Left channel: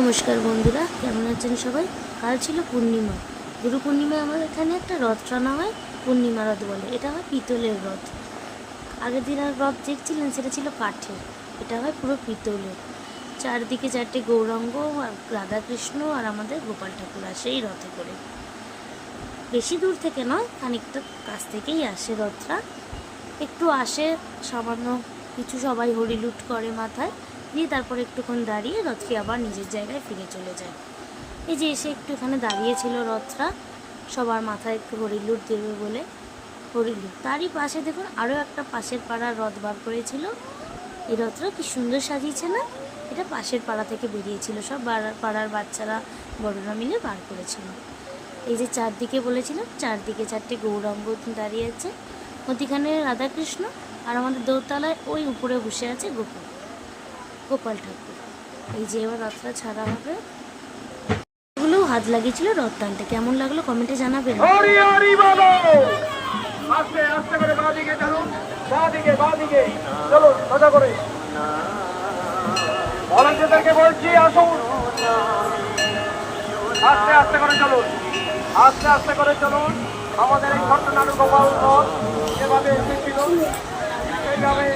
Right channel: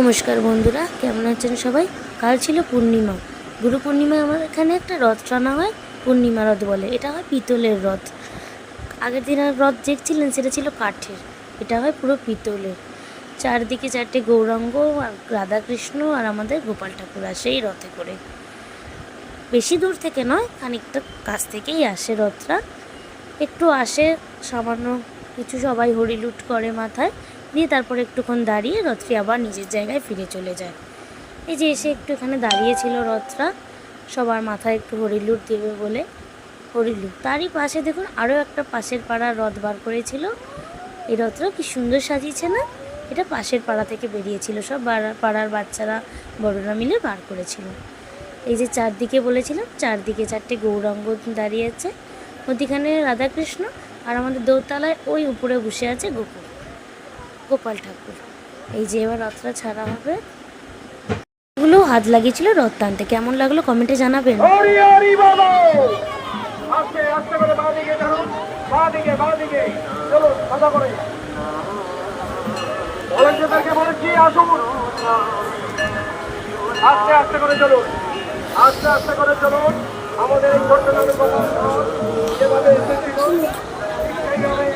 নমস্কার বন্ধুরা, কেমন আছেন সবাই? কাল ছিল পূর্ণিমা। গুরু পূর্ণিমায় আমাদের এখানে একটা রথ টানা হয়, পূর্ণিমা রথ বলে। এটা হয় পিতলের রথ। আগের দিন আর রথ দেখছিলেন সেটা ছিল কাঠের, এটা হয় পুরো পিতলের। চারদিকে চারটে গৌরাঙ্গ আর রাধাকৃষ্ণ আর আমাদের গোপাল ঠাকুর আসে এই রথে করে। বেশি দূর থেকে নয়, খানিকটা কাছ থেকেই আসে রথটা। একটু আসে, সামান্য কিছু সবাই হরিলুট করে মাথায়, দিয়ে তারপরে একটুক্ষণ দাঁড়িয়ে রথটি আবার নিজের জায়গায় ফিরে চলে যায়। এই যে এসে একটু এখানে দাঁড়িয়েছিল রথটা, সবার মাথায় একটু হরিলুট দেবে বলে হরিলুট। তারই পাশে দেখুন আরও একটা পাশের পাড়ার রথ বার করেছিল। এই রথটা কি সুন্দর সাজিয়েছে না? এটা পাশের পাড়া থেকে বেরিয়েছিল, সব পাড়ার বাচ্চারা বড়রা মিলে বার করেছিল। এই যে চারদিকে বলেছিলাম, চারদিকে চারটে গৌরাঙ্গ দাঁড়িয়ে আছে, মধ্যিখানে রাধাকৃষ্ণ, আর আমাদের দোতলায় ওই উপরে বসে আছে গোপাল ঠাকুর। এই যে এবার রথটা ছাড়া হবে। এগুলো হাত লাগিয়েছিল রথ টানতে, কেমন লাগলো কমেন্টে জানাবেন। আস্তে আস্তে করে চলুন, আস্তে আস্তে করে চলুন। আমাদের এই ছোট্ট যেভাবে এসেছিল সেইভাবে